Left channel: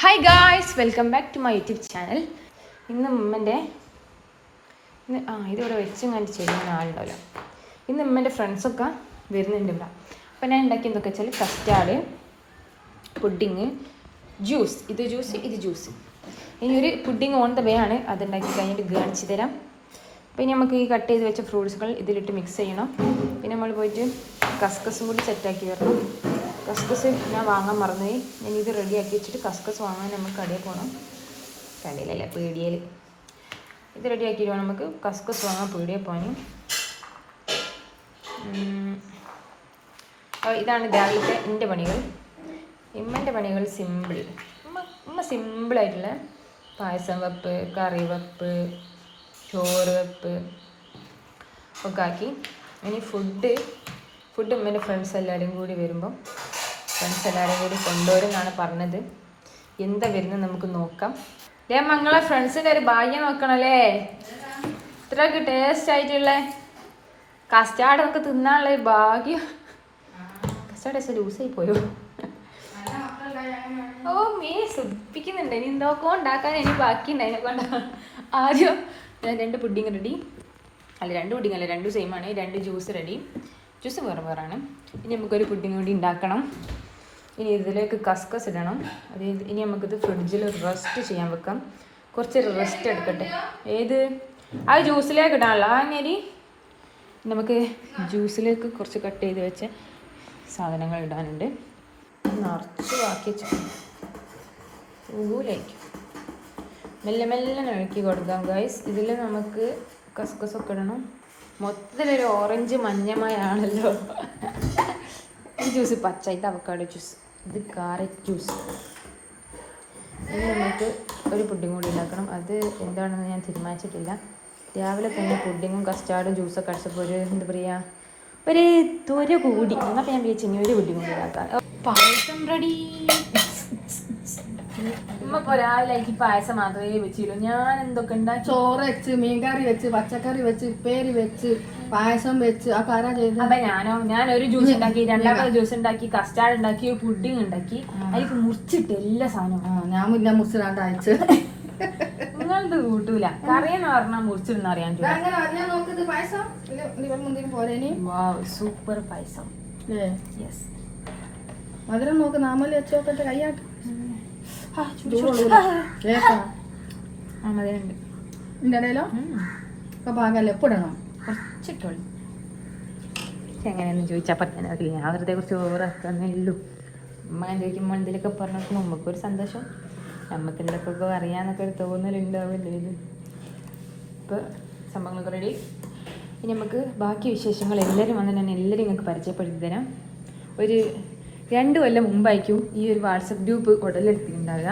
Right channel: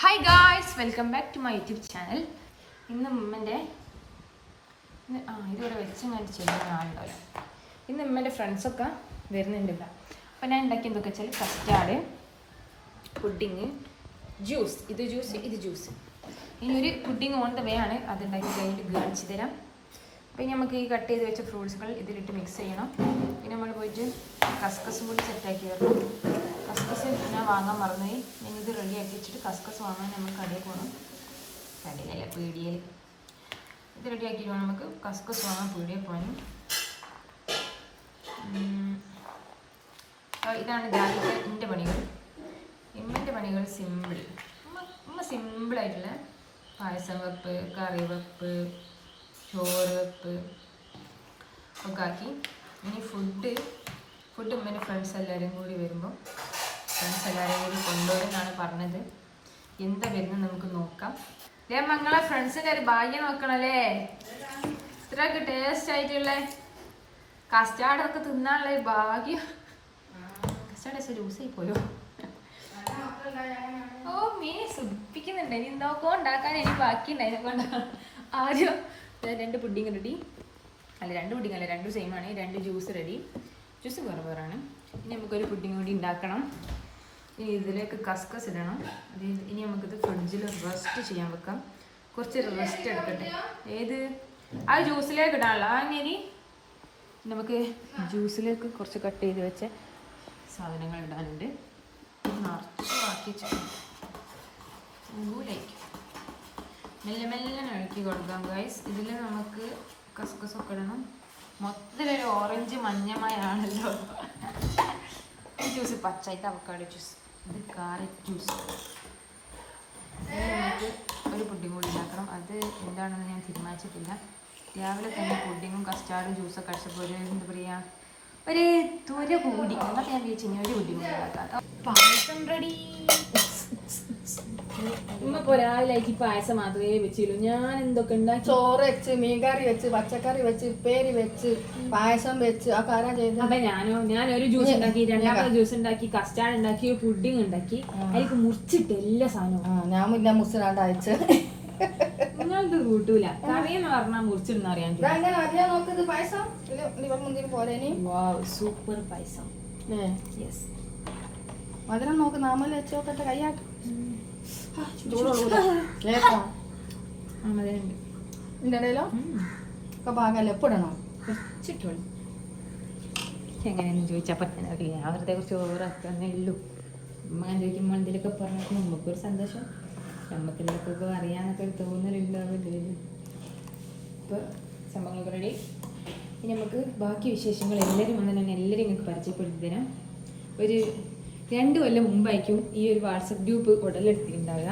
Hi guys welcome back to my YouTube channel ഇന്ന് ഉമ്മന്റെ ആ ഇതിവിടെ വെച്ചും കണ്ട് ചെയ്യുന്ന ആളുണ്ടല്ലോ. ഇന്ന് ഉമ്മന്റെ ഫ്രണ്ട്സൊക്കെ വരുന്നുണ്ടില്ല. അപ്പോൾ ഞാൻ ഉണ്ടാക്കി എന്തൊക്കെ വെച്ചാൽ കസ്റ്റാർഡ് പുഡിങ് ജ്യൂസ് ഇത് ജ്യൂസ് ഇത് ജ്യൂസ് ഇനി ഒരു പുഡിങ് ഓൺ ദ വേ ആണ് അത് ഉണ്ടാക്കി കഴിഞ്ഞിട്ട് കാണിച്ചു തരാം. പിന്നെ നമുക്ക് ഈ കട്ട് ചെയ്ത് വെച്ച ഫ്രൂട്ട്സുകൾ ഇതിലിട്ട് മിക്സ് ചെയ്യണം. പിന്നെ നമ്മൾ പോയിട്ട് കസ്കസും കൂടി സെറ്റാക്കി വരണം. കസ്കസ് ഞാൻ വാങ്ങാൻ മറന്നേ ഞാൻ ഇത് ആക്കി. വെച്ചിട്ട് കസ്കസ് വാങ്ങാൻ നമ്മൾ കടയിൽ പോകണം കടയിലല്ല? പീടിയയിൽ ഇത് റെഡിയാക്കിയിട്ട് വേണം നമുക്ക് കസ്കസ് വാങ്ങാൻ പീടിയയിൽ പോകാനും അപ്പോൾ ഇതാണ് രാവിലത്തെ എന്റെ പണികൾ. ഇമ്മന്റെ പണികൾ സിമ്പിൾ. ഉമ്മ ഉമ്മ സിമ്പിളായിട്ടുള്ള പായസം വെപ്പ് കറി വെപ്പ് ചോറ് വെപ്പ് ഒക്കെ ആക്കി. ഇനി ഫുഡ് ഫുഡ് ഉമ്മന്റെ ഫ്രണ്ട്സ് എല്ലാവരും കൂടി വരുമ്പം ഫ്രണ്ട്സ് എല്ലാവരെയും കൂടി കൊണ്ടുവരുമെന്നാണ് പറഞ്ഞത്. എന്താ വരുന്നത് നമുക്ക് നോക്കാം. ദേ മങ്ങളെ ഫ്രണ്ട്സിന്റെ ഒരു ഭാഗ്യം നോക്കണല്ലേ? ഇത്രയൊക്കെ ടേസ്റ്റ് ആയിട്ടുള്ള കസ്റ്റാർഡൊക്കെ തിന്നാനുള്ള ഒരു ഭാഗ്യം. കസ്റ്റാർഡ് പക്ഷേ ലൂസായി പോയോ? ഓ മീ സുധിപ്പിക്കുന്നുണ്ട് ഇനി എന്തൊക്കെ ഉണ്ടാക്കാൻ ഇനി ബാക്കിയുണ്ട് അതിനെ കൊണ്ട്. ആദ്യം രണ്ട് പുഡിങ് റെഡി അല്ല രണ്ട് പുഡിങ് അല്ല രണ്ട് സെയിം ആണ്. രണ്ട് ജ്യൂസ് റെഡി ജ്യൂസ് വേറെ വേറാണ് ഇനി നമുക്കൊരു പുഡിങ് കൂടി ഉണ്ടാക്കണം. ഇനി ഇതിലേക്ക് കസ്കസ് ഇടണം. അത് ഇനി നമുക്കിത് ഫ്രിഡ്ജിൽ റെസ്റ്റ് ചെയ്യാൻ വെക്കാം. കുറച്ച് റെസ്റ്റ് എടുക്കട്ടെ. ഏത്? ആ ജ്യൂസിലേക്ക് ഇടാനുള്ള. അരി നമുക്ക് ജ്യൂസിലേക്ക് കുറച്ച് കട്ട് ചെയ്ത് വെച്ച സാധനങ്ങൾ ഇടാനുണ്ട്. നിറച്ച് ബാക്കി ഊലേക്ക് മെല്ലെ മെല്ലെ ഇളക്കി കൊടുക്കാം ഗൈസ് ഇതിൽ നമുക്ക് കസ്കസൊക്കെ ഇടണം. മൊത്തത്തിലൊരു ഓറഞ്ച് മഞ്ഞമയാണല്ലോ ഈ ജ്യൂസ് പച്ചായിട്ട് അവക്കാട് ജ്യൂസ് ഇത് കാരറ്റ് ജ്യൂസ്. ഇനി നമുക്ക് ഒരു പുഡിങ് കൂടി ഉണ്ടാക്കണം. അത് എന്താണെന്ന് ഞാൻ തീരുമാനിച്ചിട്ടില്ല. രാവിലെ തന്നെ പുഡിങ്ങും കസ്റ്റാർഡും ജ്യൂസൊക്കെ അടിച്ചപ്പോൾ ഒരു എന്താ പറയുക ഒരു തൊര കൂടി. എന്നൊക്കെ ഞാൻ വിചാരിച്ചു ഇനി ഒരു പുഡിങ് കൂടി ഉണ്ടാക്കാം. പായസം റെഡി ഇമ്മപ്പോ രാവിലേക്ക് പായസം മാത്രമേ വെച്ചിരുന്നു ഞാൻ എന്തൊക്കെ ഉണ്ടാക്കി? ചോറ് വെച്ച് മീൻകറി വെച്ച് പച്ചക്കറി വെച്ച് ഉപ്പേരി വെച്ച് പായസം വെച്ച് ആ കര ചെയ്ത് അപ്പൊ ഞാനോ ഞാൻ ഒരു ജ്യൂസ് ഉണ്ടാക്കി രണ്ടാമത്തെ ജ്യൂസ് ഉണ്ടാക്കി കസ്റ്റാർഡ് ഉണ്ടാക്കി പുഡിങ് ഉണ്ടാക്കി അതിലേക്ക് മുറിച്ചിട്ട് എല്ലാ സാധനവും. ഞാൻ പിന്നെ മുറിച്ചിടാണ്ട് അയച്ച്. നിങ്ങളത് കൂട്ടൂല. കറിയെന്ന് പറഞ്ഞാൽ മുറിച്ചിടുന്ന അറിയാൻ സൂപ്പർ പായസം. മധുരം നോക്ക് നാമൽ വെച്ച് നോക്കട്ടെ കയ്യാട്ട് ആ, ചൂടുള്ള കേക്കാം ആ മതിയുണ്ട് കുറച്ചിട്ടോളി. എങ്ങനെയാന്ന് ചോദിച്ചാൽ പറ്റുന്നില്ല ഞാൻ വെറുതെ കുറച്ച് ഓവറാക്കുന്നേ ഉള്ളൂ. അമ്മ മണ്ടിലൊക്കെ ചോദിക്കുമ്പോൾ എന്തെങ്കിലുമൊക്കെ പറഞ്ഞപ്പോൾ നമുക്കൊരു സന്തോഷം. നമുക്ക് എന്തൊക്കെ അറിയാന്നൊക്കെ ഒരു തോന്നലുണ്ടാവില്ലേ ഇപ്പോൾ സംഭവങ്ങളൊക്കെ റെഡി ഇനി നമുക്ക് ബാക്കി വിശേഷങ്ങൾ എല്ലാവരും വന്ന് ഞാൻ എല്ലാവരും നിങ്ങൾക്ക് പരിചയപ്പെടുത്തി തരാം. ഒരു രണ്ട് കൊല്ലം മുമ്പായിരിക്കും ഈ ഒരു വാട്സപ്പ് ഗ്രൂപ്പ് ഉടലെടുത്തിട്ടുണ്ടാവുക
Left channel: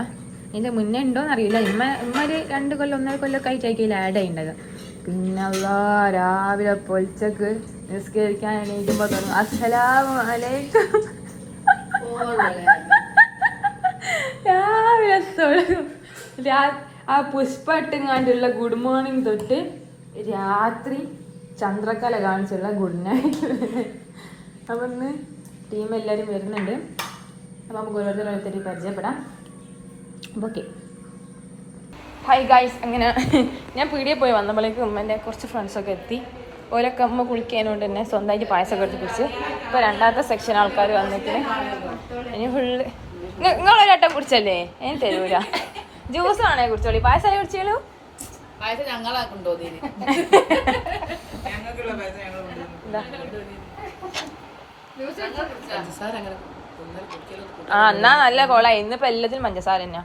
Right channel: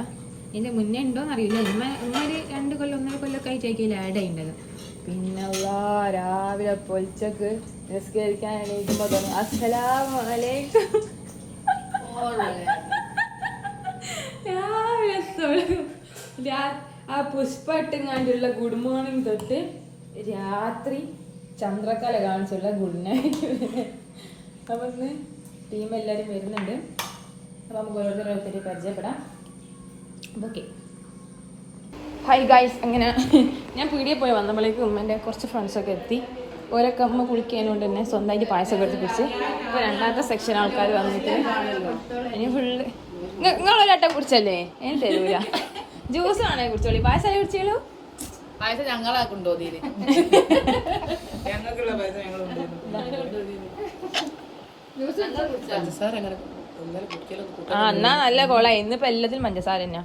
ഇതിന്റെ മുന്നേ ഉണ്ടോ അറിയില്ല. ഇമ്മ ഒരു രണ്ട് കൊല്ലം ഒന്നര കൊല്ലമൊക്കെ ആയിട്ടായിരിക്കും ഇതിൽ ആഡ് ആയിട്ടുണ്ടത് പിന്നെ രാവിലെ പൊളിച്ചക്ക് നിസ്കരിക്കാൻ അലൈക്കും രാവിലെ ആ പുഷ്പട്ടിങ്ങാണ്ടുള്ള ഗുഡ് മോർണിംഗ് തൊട്ട് രാത്രി ചന്ദ്രക്കല കാണിച്ചുള്ള ഗുഡ് നൈറ്റ് അപ്പം ടീം എല്ലാവരും വരുന്നുണ്ട്. അപ്പം നമുക്ക് ഓരോരുത്തർ ഓരോരുത്തർ പരിചയപ്പെടാം. അപ്പോൾ ഓക്കെ. ഹായ് ഗായ്സ് അങ്ങനെ ഞാൻ പീടിയെ പോയി വന്നപ്പോഴേക്കും ഉമ്മന്റെ കുറച്ച് ഫ്രണ്ട്സൊക്കെ എത്തി. ഓരൊക്കെ അമ്മ കുളിക്കാനോണ്ട് തന്നെ സ്വന്തമായിട്ട് പായസമൊക്കെ എടുത്ത് കുടിച്ച്. ഇപ്പോൾ രണ്ടാമത്തെ സെക്ഷൻ ആൾക്കാർ വന്നിട്ട് ഇനി ഫുള്ള് നിങ്ങളൊരു വട്ടം കുടിച്ചല്ലേ? എനിക്ക് തരൂല. ജ്യൂസ് ആണേ കുടിച്ചോളി. പായസം കുടിച്ചോളൂ? പായസം ഞങ്ങളാ ഞങ്ങളെ കൊണ്ടുപോയി ആ എന്നാ നല്ല കോള. ഇന്നിപ്പോ എല്ലാത്തിനും പഞ്ചസാര തന്നെയാ.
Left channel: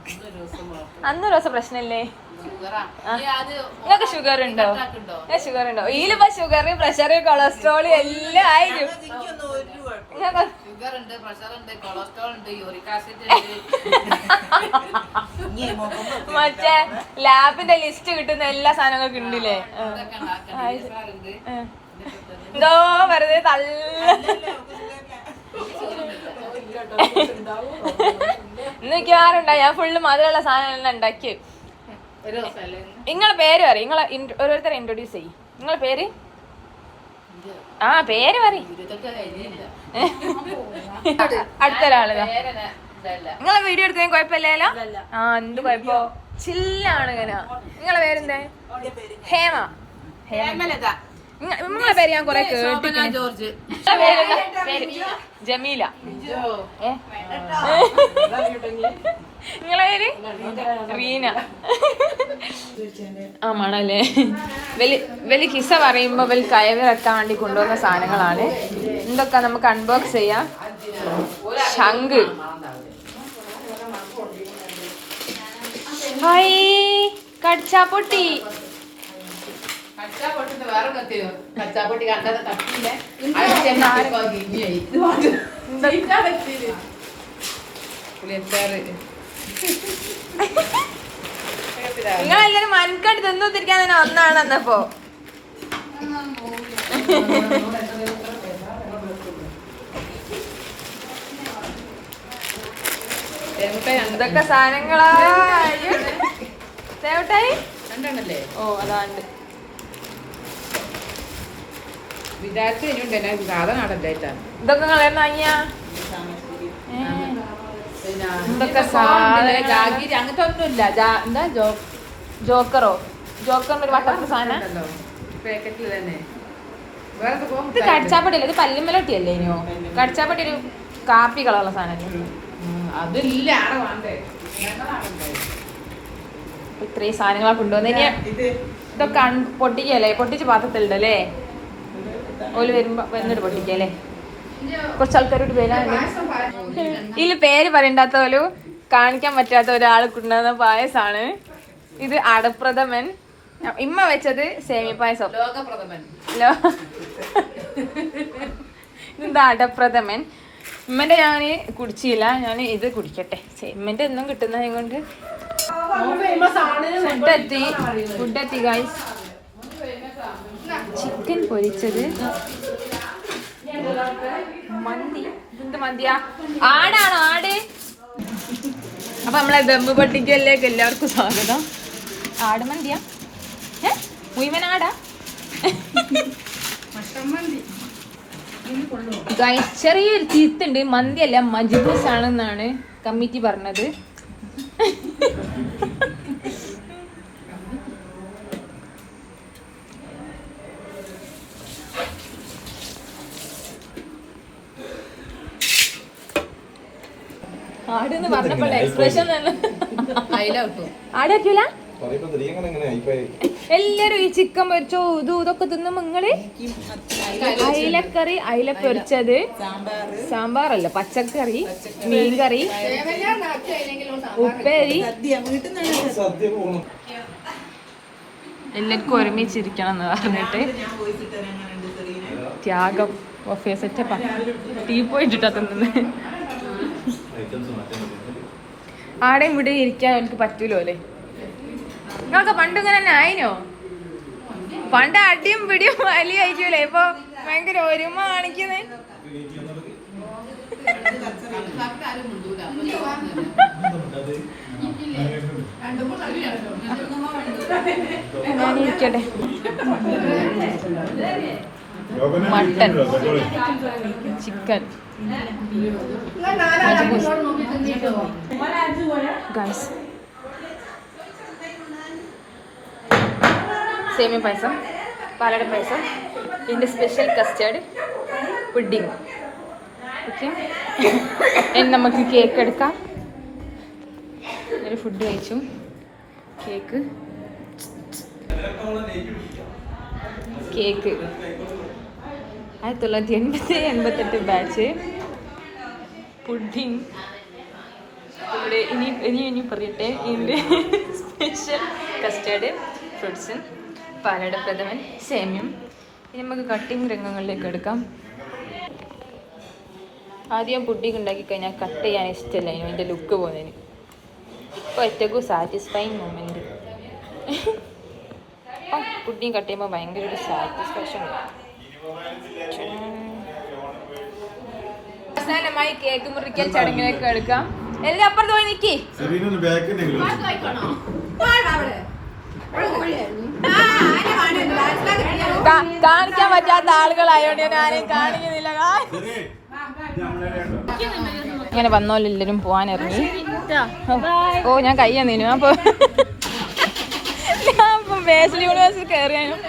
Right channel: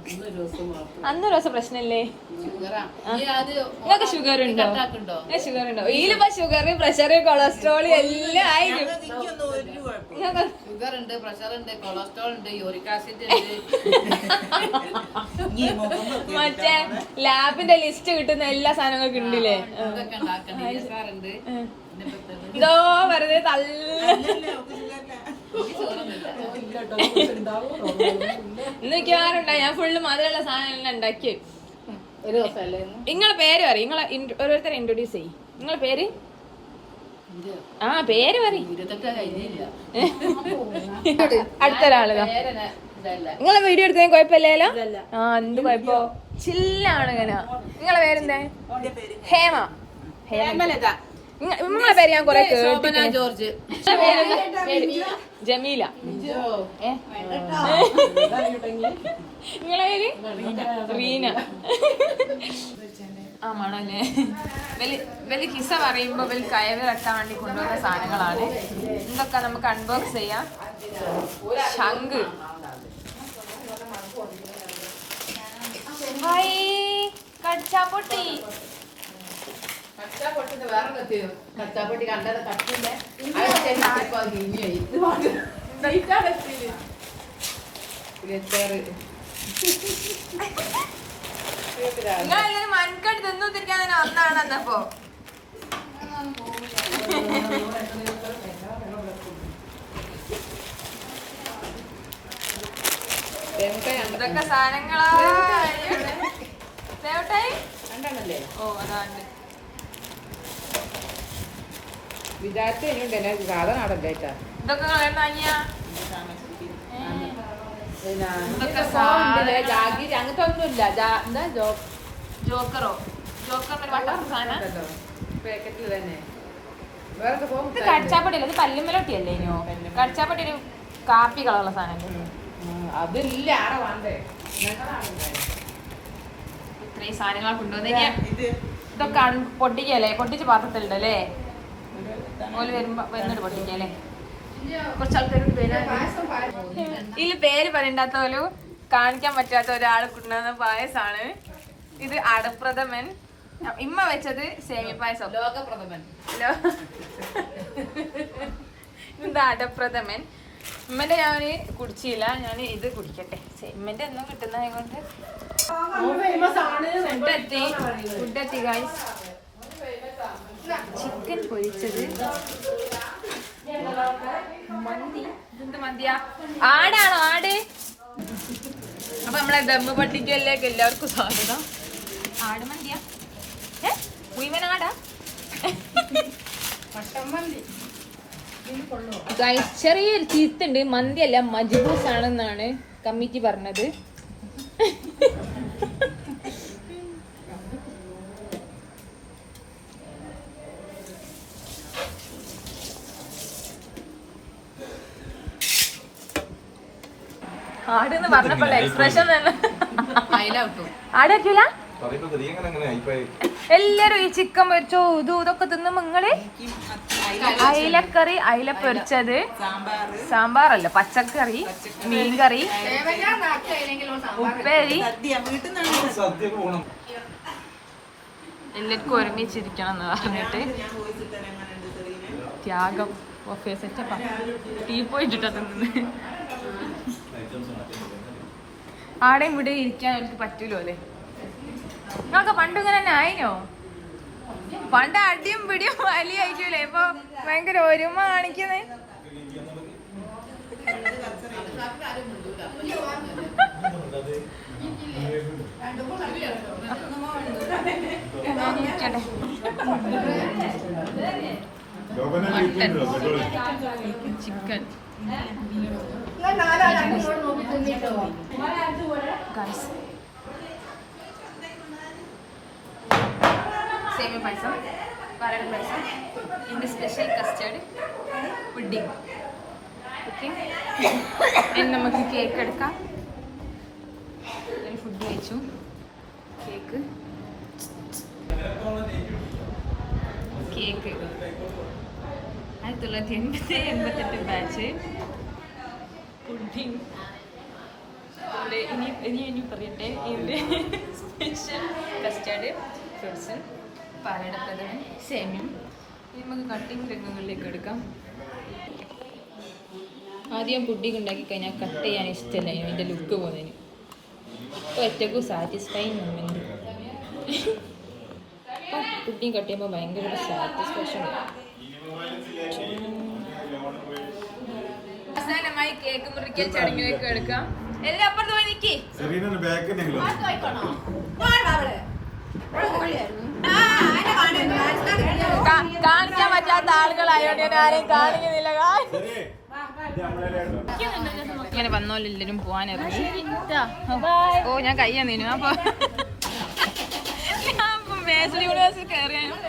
ഒരു ദിവസം പ്രശ്നല്ലേ ഇതൊക്കെ ഷുഗർ ഉണ്ടോ? ഷുഗർ ഉണ്ടോ? ഇതിലിപ്പോ ഷുഗർ പ്രഷർ കൊളസ്ട്രോൾ എല്ലാം ആയിരിക്കും. ഷുഗർ ഉണ്ട് പ്രഷർ ഉണ്ട് കൊളസ്ട്രോൾ ഉണ്ട് യൂറിക് ആസിഡ് ഉണ്ട്. മറ്റേ ലാബിന്റെ ലിസ്റ്റ് കിട്ടുന്ന എല്ലാ സാധനങ്ങൾക്കും ഉണ്ടല്ലേ? ഉണ്ട്. എന്തോ വെറുതെ തള്ള. ഇന്നൊക്കെയാറുണ്ടാ ഞാൻ ഫുള്ള് മധുരമുള്ള സാധനം ഉണ്ടാക്കി. ഇന്ന്? നിങ്ങളെ പേര് പറയും. നിങ്ങളെ ഓരോരുത്തരെ ഇൻട്രൊഡ്യൂസ് ചെയ്യും. നിങ്ങളെ പേര്? ആ പേര് പറയും. അടുത്തൊരാൾ നിങ്ങളെ വീഡിയോ എടുക്കാൻ കുഴപ്പമില്ലല്ലോ? ആ എന്ത് കുഴപ്പോ? ചില്ലാണ് ഇങ്ങനെ നിങ്ങളെ പേരെന്തേ? ഹേമ. ഹേമലത. പേര് ഞാൻ കൊറേ ജോർജ്. ജമീല? നിങ്ങളെ പേര്? റീന. ആ മണല്ലേ. വലി വലിയ കിസ പറയുമ്പോ വലിയ കയവിറക്കാൻ വെക്കാൻ വേണ്ടി കൊണ്ടുവന്ന സാധനങ്ങളാണ്. എന്തൊക്കെ നമുക്ക് അൺബോക്സ് ചെയ്യാം? ശംഖ്. ഹായ്. കടിച്ചാപ്പൊട്ടി. കച്ചാപ്പൊട്ടിന്ന് വേറെ കത്തിയോ കച്ചാപ്പൊട്ടി കണ്ടത് കത്തിയില്ല? നിങ്ങളെല്ലാരും മനക്കടി തിന്നുത്തിരിക്കാൻ തന്നെ ഒന്നാണ് എന്നപ്പോ എന്തൊക്കെ സാധനങ്ങളാ. അയ്യോ. സേവട്ടായി? ഓ അതാണ്ട് വിചാരിച്ചു കഴിഞ്ഞുണ്ടല്ലേ സാധനം നടല്ലായിട്ടാണ് ഇതൊക്കെ കളയുന്ന അയ്യാ എന്തൊക്കെ ജോക്കറോ? ജോക്കറിന്റെ ഒരു വട്ടത്തെ സാധനം. ഇത് കടിച്ചാപ്പട്ടിയല്ലേ? ഇത് പല്ലുമ്മലോട്ടിയല്ലേ ഇനിയോ? കടിച്ചാപ്പട്ടി ഒരു കാപ്പി കളറുള്ള ഞങ്ങളാടണ്ടേ ഇത്രയും സാധനങ്ങളാ കൊണ്ടുവന്ന്. ഇതൊക്കെ പൊട്ടിക്കല്ലേ പൊട്ടിച്ച് പാത്രത്തിലുണ്ടല്ലേ ഓൽ വരുമ്പോ വന്നിട്ട് പൊട്ടിക്കല്ലേ കുറച്ച് ആൾക്കാരോട് വരാൻ ഇതിൽ പേര് പറയണ്ടാത്ത ഒരു കാണിക്കാൻ പറ്റാത്ത ഒരാൾ കൊണ്ടുവന്ന പായസാണ്. ഇത് അടപ്രഥമൻ. ഇമ്മ വെച്ചത് സേമിയ പായസം. ഇതാ ഹലോ ഇതെന്താ അടപ്രഥമൻ? ഉമ്മന്റെ ഞാൻ കുടിച്ചില്ല. ഞാൻ ഇത് കുടിക്കട്ടെ. സേമിന്റെ ഒന്നും കിട്ടുന്ന കൊണ്ട് ഫുഡ് എത്തി. ഫുഡ് എത്തി ഗൈസ് ചിക്കൻ പൊരിച്ചത്. മന്തി. എന്ത് മന്തിയാ? ആടാണോ ആട്? അപ്പൊ നമ്മളെ ദമ്മ് പട്ടിക്കലേക്ക് എല്ലാവർക്കും സ്വാഗതം. ആട് മന്തിയാ? മുഴുവൻ ആടാ? ചെറിയൊരു ചീത്തുണ്ട് മന്തിയല്ല മജിബൂസ് ആണെന്നാണ് കമ്മിറ്റി പറഞ്ഞത്. പറഞ്ഞപ്പോൾ എക്സ്പ്രഷൻ എല്ലാരും ഈ ചിക്കൻ പൊരിച്ചോ ഇതും ഇതൊക്കെ തിന്ന് നിങ്ങൾ? അയിലക്കറി അയില പൊരിച്ചത്. സാമ്പാറല്ല പച്ചക്കറി മീൻകറി ഉപ്പേരി. എല്ലാവർക്കും ഒരുമിച്ചിരിക്കണം എന്ന് പറഞ്ഞിട്ട്. ത്യാഗം ബൊഫേ സെറ്റപ്പാ ടീ പോയിട്ടിട്ടാ തിന്നുന്നത് ആടെയും ഇവിടെ ഇരിക്കാൻ എനിക്ക് പറ്റൂലോ അല്ലേ? നിങ്ങൾക്ക് പണ്ട് ഇങ്ങനെ തന്നെ ആയിനോ? പണ്ട് അടിയും പിടിയും വലിയ ആയിരിക്കൂലേ? ഇപ്പൊ ഭയങ്കര ഒരുമ കാണിക്കുന്നേ. Mutton chicken. ഗൈസ് സേമിയ പായസം പാലട പായസം എന്റെ സ്പെഷ്യൽ കസ്റ്റേർഡ് പുഡിങ് ഓക്കെ ഇനി നമുക്ക് കേക്ക് എടുക്കാം. ഒരു ഫുഡ് കഴിച്ചു. കേക്ക് കേക്ക് ആയിരത്തി തൊള്ളായിരത്തി എൺപത്തി എൺപത്തെട്ട് ബാച്ച് പുഡിംഗ് ഇവിടെ ഇനി ഇനി ഇനി പറയട്ടെ. ഇതിന്റെ സ്പെഷ്യൽ കസ്റ്റാർഡ് ഫ്രൂട്ട്സും പാലട പ്രഥമൻ സേമ്യം. ഇനി നമുക്ക് കട്ടിങ് രംഗങ്ങളിലേക്ക് എടുക്കാം. ആദ്യം പുഡിങ് ഉണ്ടാക്കി കഴിഞ്ഞാൽ കട്ട് ചെയ്യാൻ ഇഷ്ടമല്ല എന്റെ ലുക്ക് പോകുന്നതിന്. ഇപ്പോൾ ഏറ്റവും സാറ്റിസ്ഫൈങ് മൊമെന്റ് അപ്പം പുഡിങ് കട്ട് ചെയ്യുമ്പോൾ ഭയങ്കര ഒരു സാറ്റിസ്ഫാക്ഷൻ അവസാനമായി കേക്ക് മുറിക്കൽ ചടങ്ങിലേക്ക് എടുക്കാം. എല്ലാം അപ്പുറത്ത് പോയി നിക്കി. കാണിക്കാൻ പറ്റാത്ത ആളുകളായോണ്ട് ഞാൻ ആരെയും കാണിക്കുന്നില്ല. ഇങ്ങനെ സെറീ, അങ്ങനെ പോവാൻ ഇറങ്ങി. ഓ ഞാൻ കയ്യാ നീനു അപ്പൊ ഞാൻ ഇപ്പൊ യൂണിവേഴ്സിറ്റി കയറിയാനും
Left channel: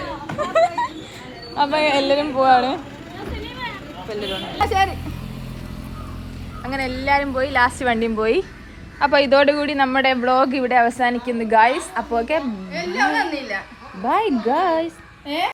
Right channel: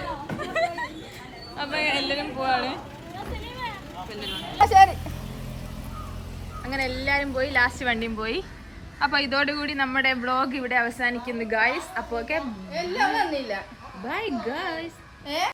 അപ്പൊ എല്ലാരും പോവാണ്. എല്ലാരും ശരി. അങ്ങനെ എല്ലാവരും പോയി ലാസ്റ്റ് വണ്ടിയും പോയി. അപ്പൊ ഇതോടുകൂടി നമ്മുടെ ബ്ലോഗ് ഇവിടെ അവസാനിക്കുന്നു ഗായ്സ് അപ്പൊ ഓക്കെ ബൈ ഗായ്സ്